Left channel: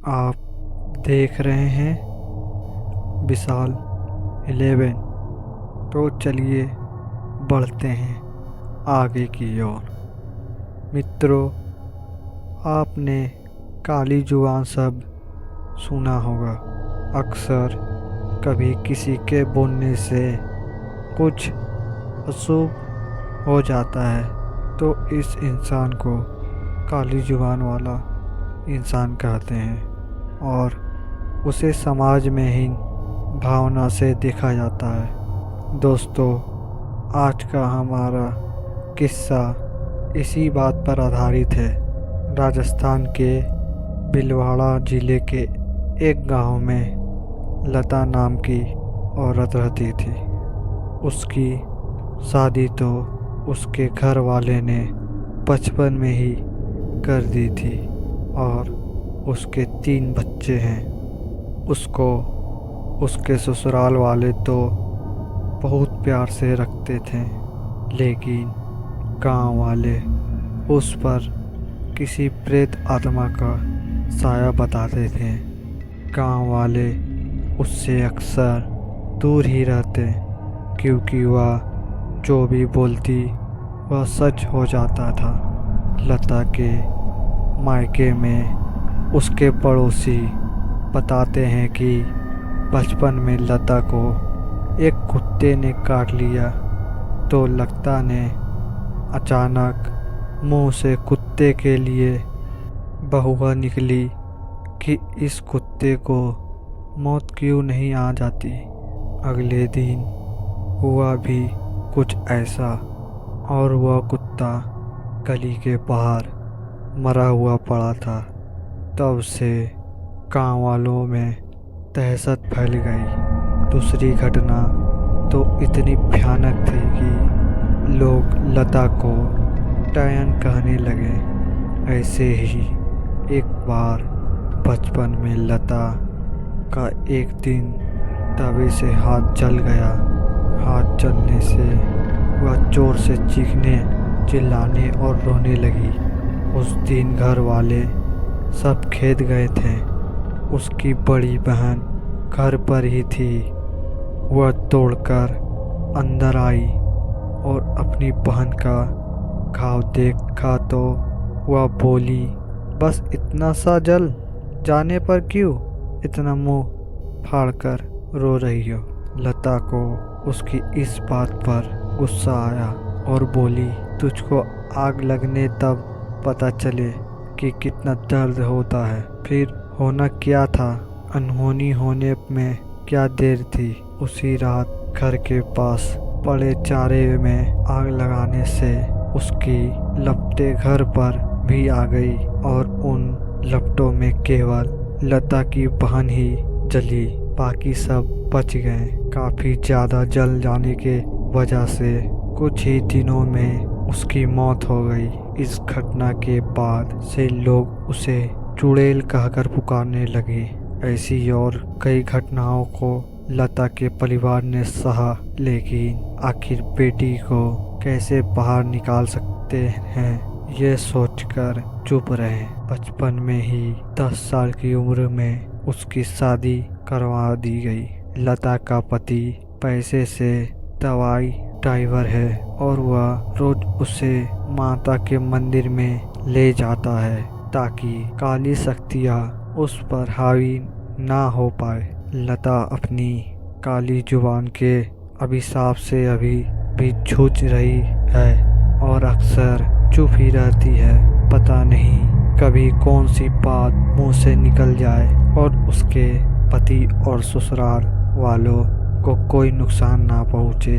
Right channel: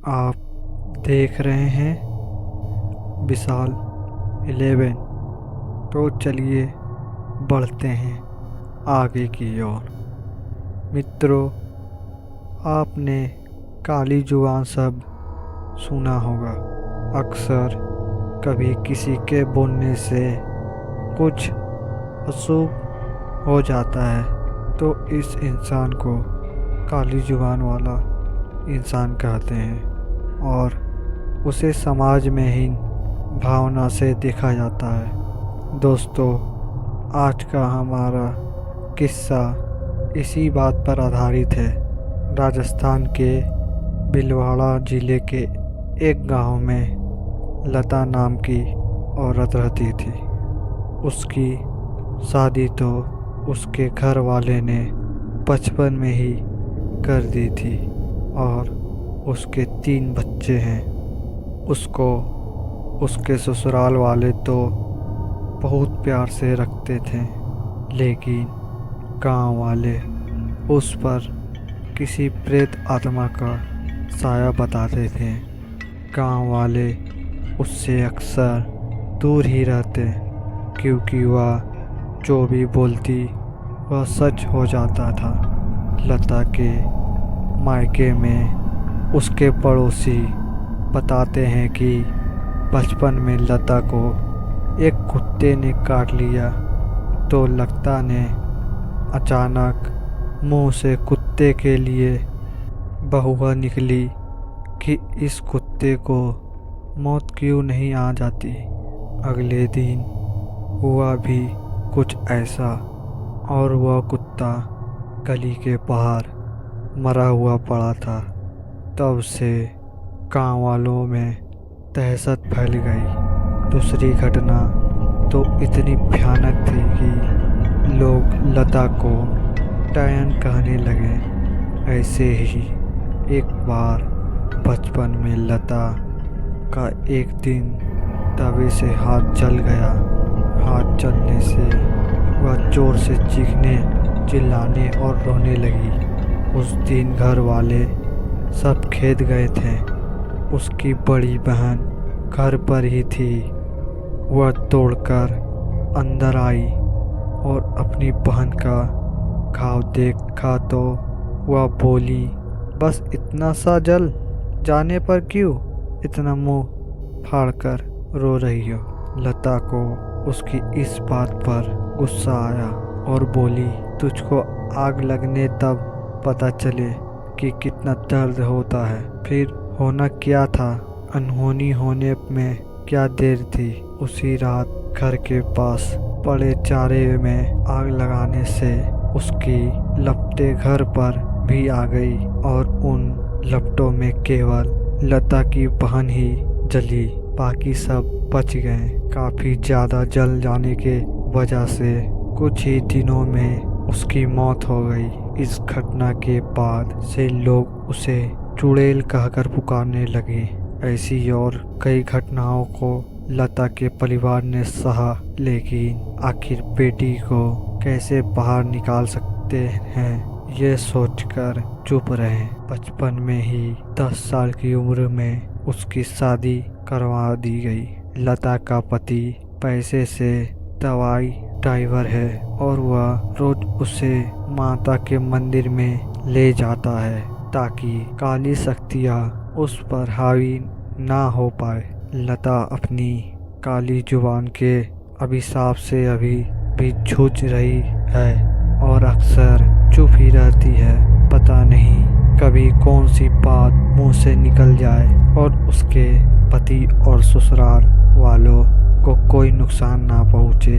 आप देख रहे हैं विशाल 11। तो चलिए बढ़ते हैं आगे की ओर। मित्रों, आपने काली जुबान शब्द सुना होगा। अक्सर कभी किसी के बोलने से कुछ अशुभ हो जाता है तो इस इंसान को काली जुबान वाला इंसान कहते हैं और उसे समाज में हीन भावना से देखा जाता है। दोस्तों, आज का हमारा किस्सा इसी बात पर आधारित है। राजस्थान के भीलवाड़ा जिले के एक गांव में लता नाम की औरत रहती थी। उसकी शादी तो उसके घर वाले ने बचपन में ही कर दी थी और उसके 3 बच्चे हैं। उसको उसके ससुराल वाले तो बहुत प्यार से रखते थे, लेकिन गांव वाले उस पर किसी प्रेत आत्मा का साया बताते थे। गांव वाले उससे अक्सर दूर ही रहते क्योंकि वह जो भी बोलती वह सच हो जाता था। लता के मायके में उसके पड़ोसी बताते हैं कि बचपन में लता को एक कुत्ते ने काट लिया तो लता ने अचानक मुंह से कुत्ते के लिए बहुआ निकली कि इस कुत्ते को मौत क्यों नहीं आ जाती। अगले दिन हुआ भी कुछ ऐसा और वह कुत्ता गली के बाहर मरा हुआ पड़ा था। तब से गाँव वालों में दहशत फैल गई। दूसरी घटना तो इतनी भयानक थी कि लोग लता को डायन कहने लगे। ऐसे ही एक बार बचपन में लता का एक दिन तवे से हाथ जल गया। हाथ जलने से वह जोर से चीखने, चिल्लाने और रोने लगी। उस दिन घर वाले सब खेत गए थे। उसकी बड़ी बहन घर पर ही थी। वह दौड़कर अंदर आई और अपनी बहन का घाव देखा तो वह बोली, बस इतना सा जल जाने पर क्यों इतना मुंह फाड़कर रो रही हो। लता को उसकी इस बात पर गुस्सा आया और बोली, तुझको आग लगने तब पता चले कि कितना दर्द होता है। फिर होना क्या था, अनहोनी होने में क्या देर थी। उसी रात घर के पास पड़े चारे में आग लगाने से उसकी लपटें घर पर भी आ गई और उन लपटों में केवल लता की बहन ही जली, बाकी सब बच गए। काफी ज्यादा जल जाने के वजह से कुछ ही दिनों में उसकी मौत हो गई। इस घटना के बाद से लोग उसे चुड़ैल कहकर पुकारने लगे। ऐसी और कई घटनाओं को लता के परिवार ने सहा, लेकिन आखिर बेटी को कैसे बाहर निकाल सकते हैं ये सोचकर चुप रहे। बचपन में ही 10 साल की उम्र में उसकी शादी करवा दी गई। लता का पति पैसे से दवाई ड्राइवर है और वह रोज उसे माता के मंदिर में ले जाता है ताकि काली शक्तियाँ उस पर हावी ना हो पाए। लता अपनी काली जुबान के अभिशाप से अभी भी जूझ रही है और अक्सर चुप ही रहती है। पता नहीं कभी कौन सी बात मुंह से निकल जाए और उसके पति और ससुराल वालों को कोई नुकसान ना पहुंचे।